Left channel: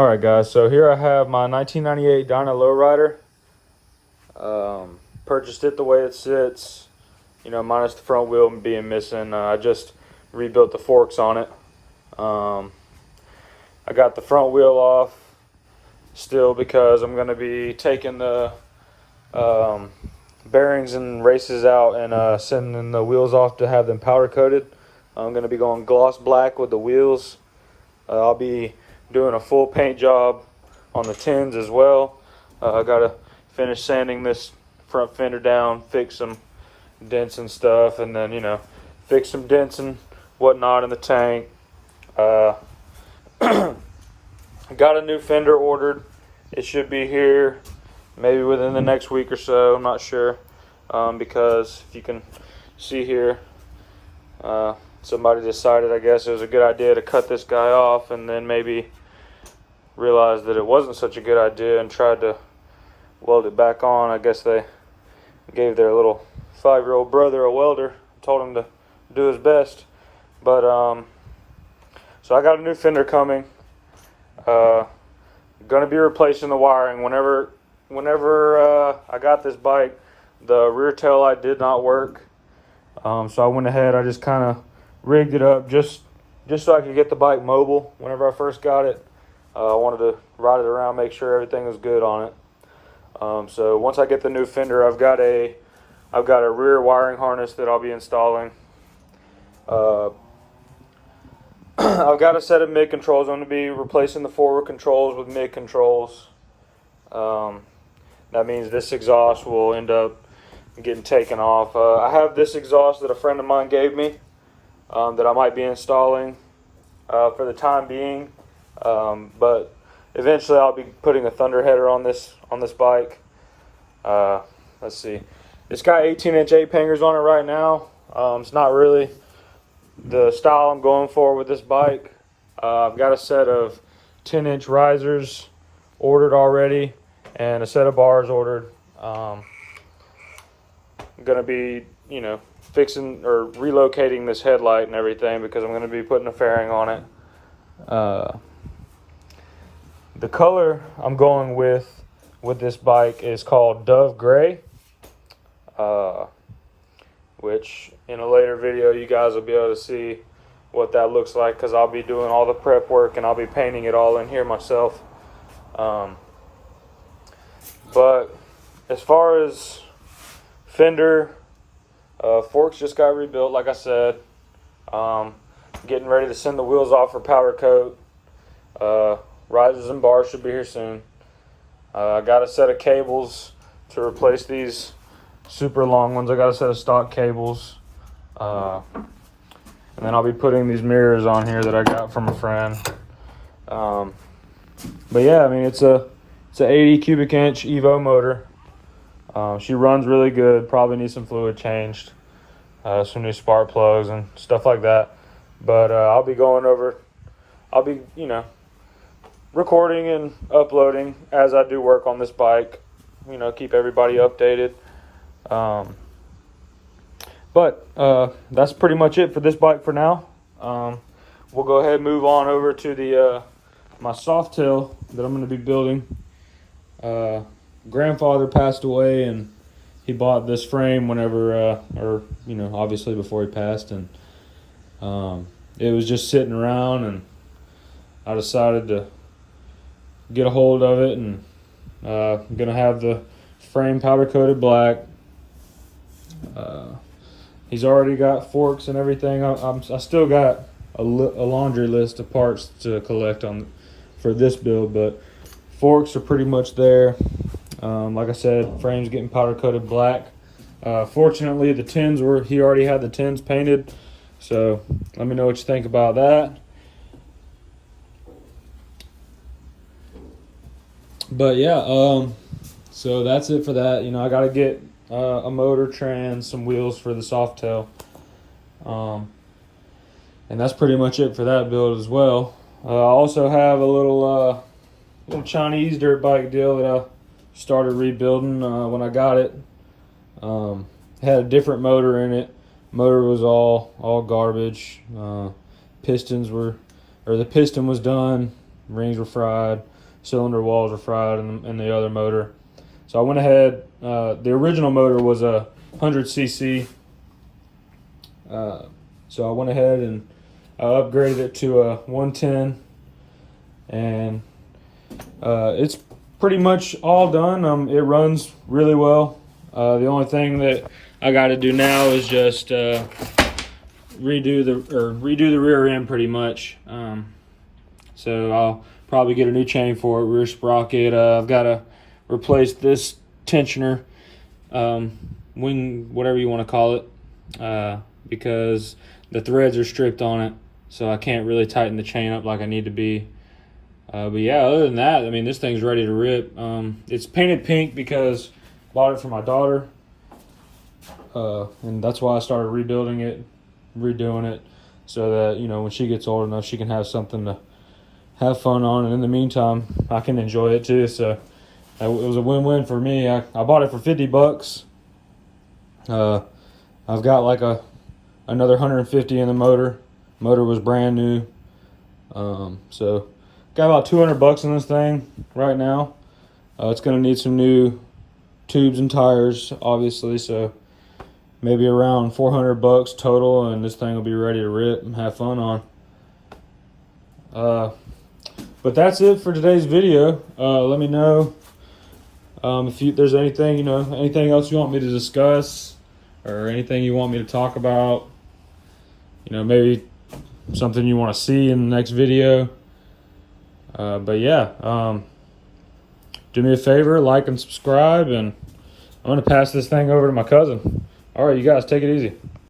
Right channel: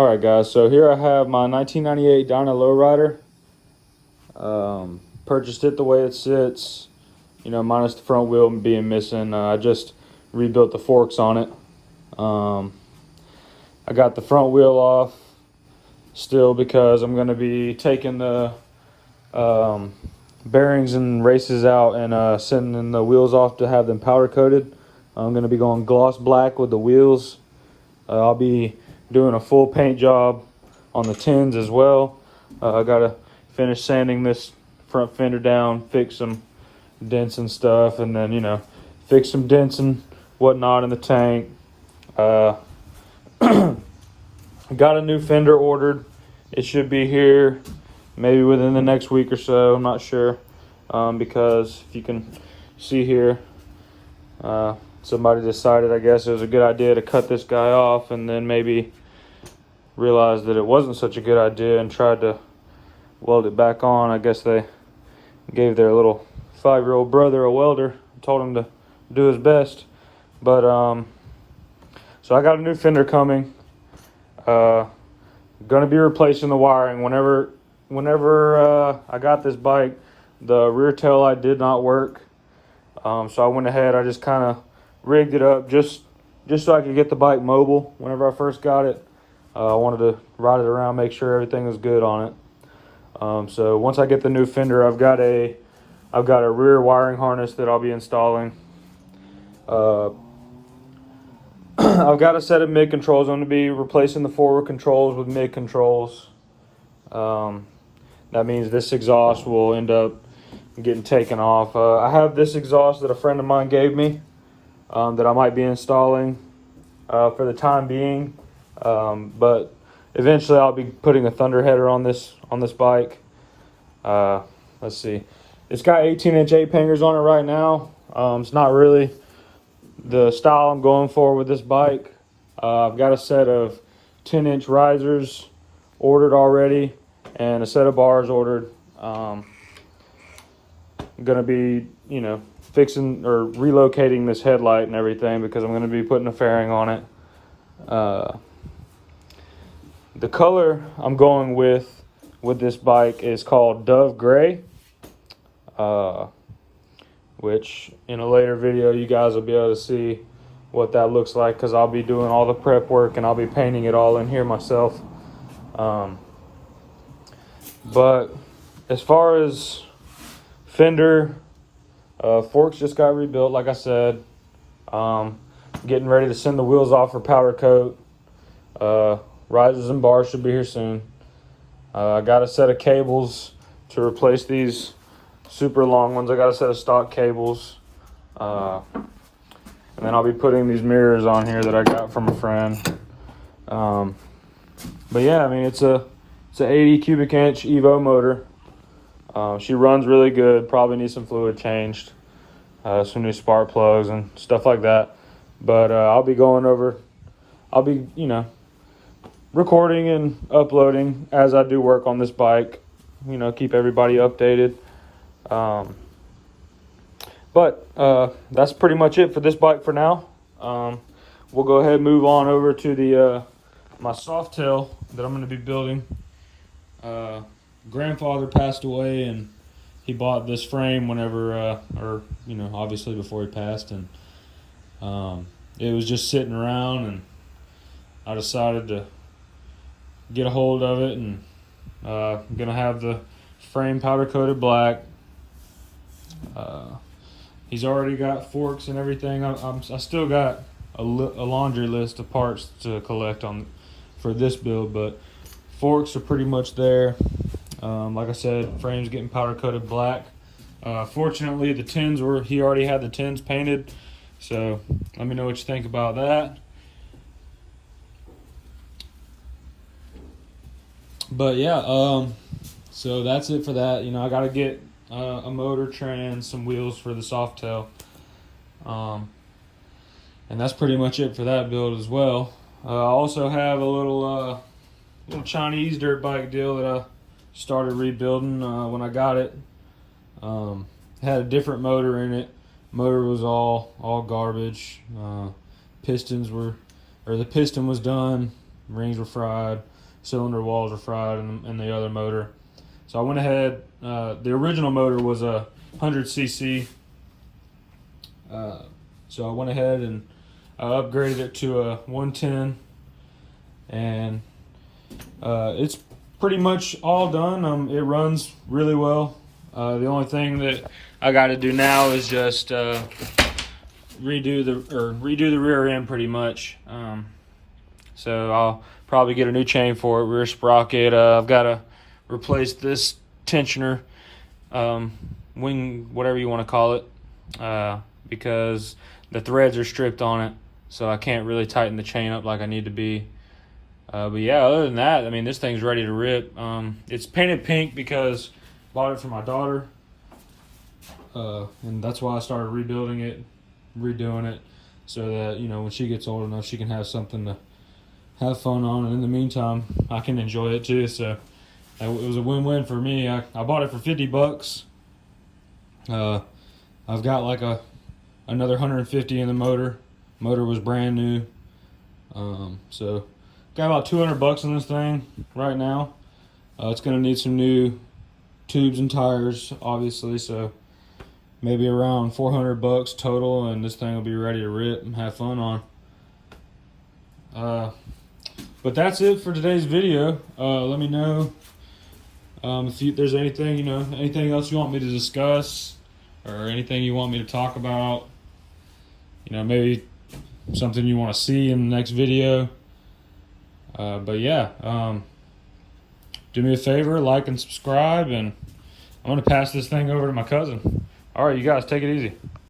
Alright guys, so here I have my 1998 Dyna Lowrider. Purchased it the way it sits, you know, minus the front wheel being missing. I just rebuilt the forks on it. I got the front wheel off still because I'm going to be taking the bearings and races out and sending the wheels off to have them powder coated. I'm going to be going gloss black with the wheels. I'll be doing a full paint job on the tins as well. I gotta finish sanding this front fender down, fix some dents and stuff, and then, you know, fix some dents and whatnot in the tank. Got a new fender ordered. It should be here maybe within the next week or so. I'm not sure, because you can see here, somebody decided, I guess, it was a good idea to cut this guy off, and then maybe realized that it wasn't such a good idea and tried to weld it back on. I guess they gave their little 5-year-old brother a welder, told him to do his best. But so I got a new fender coming. Gonna be replacing the wiring. Whenever I got this bike, the rear tail light did not work. So I went ahead, I just kind of rigged it up just so I could get the bike mobile. Whenever I first got it, I wanted to ride it around, make sure everything was good on it. So once I get the new fender, I've got a rear wiring harness that I'll be installing. I've got a set of mid controls. I'm going to be replacing the forward controls with mid controls. That means this exhaust will end up getting taken off. I have this exhaust that a friend of mine gave me, that I might be installing for the time being. But eventually I'll be putting a thunder header on this bike. Let's see, it's got 18-inch 8-pangers on it right now. It's not really the style I'm going for with this bike. I've got a set of 10-inch risers ordered already and a set of bars ordered. I'm gonna be, you know, fixing or relocating this headlight and everything because I'm gonna be putting a fairing on it. The color I'm going with this bike is called Dove Gray, which in a later video you guys will be able to see what that looks like, because I'll be doing all the prep work and I'll be painting it all in here myself. But as far as fender, forks just got rebuilt, like I said. Getting ready to send the wheels off for powder coat. Risers and bars should be here soon. I got a set of cables to replace these super long ones. I got a set of stock cables. And then I'll be putting these mirrors on here that I got from a friend. But yeah, I mean, it's a 80 cubic inch Evo motor. She runs really good. Probably needs some fluid changed, some new spark plugs and stuff like that. But I'll be going over. I'll be, you know, recording and uploading as I do work on this bike. You know, keep everybody updated. But that's pretty much it for this bike for now. We'll go ahead and move on over to the my softail that I'm going to be building. Grandfather passed away, and he bought this frame whenever, or you know, obviously before he passed, and it was just sitting around, and I decided to get a hold of it, and I'm gonna have the frame powder coated black. He's already got forks and everything. I still got a laundry list of parts to collect for this build, but forks are pretty much there. Like I said, frame's getting powder coated black. Fortunately, the tins he already had the tins painted, so let me know what you think about that. But yeah, so that's it for that. You know, I gotta get a motor, trans, some wheels for the softail, and that's pretty much it for that build as well. I also have a little Chinese dirt bike deal that I started rebuilding when I got it. It had a different motor in it. Motor was all garbage. The piston was done. rings were fried, cylinder walls were fried in the other motor. So I went ahead, the original motor was a 100cc. So I went ahead and I upgraded it to a 110, and it's pretty much all done. It runs really well. The only thing that I got to do now is just redo the rear end pretty much. So I'll probably get a new chain for it, rear sprocket. I've got to replace this tensioner, wing, whatever you want to call it, because the threads are stripped on it, so I can't really tighten the chain up like I need to be. But yeah, other than that, I mean, this thing's ready to rip. It's painted pink because I bought it for my daughter, and that's why I started rebuilding it, redoing it, so that, you know, when she gets old enough, she can have something to have fun on, and in the meantime, I can enjoy it too. So it was a win-win for me. I bought it for 50 bucks. I've got like another 150 in the motor. Motor was brand new. So got about 200 bucks on this thing right now. It's gonna need some new tubes and tires, obviously, so maybe around 400 bucks total, and this thing will be ready to rip and have fun on. But that's it for today's video. Let me know if there's anything, you know, anything else you want me to discuss, or anything you want me to talk about. You know, maybe something you want to see in the next video. But yeah, do me a favor, like and subscribe, and I'm going to pass this thing over to my cousin. All right, you guys, take it easy.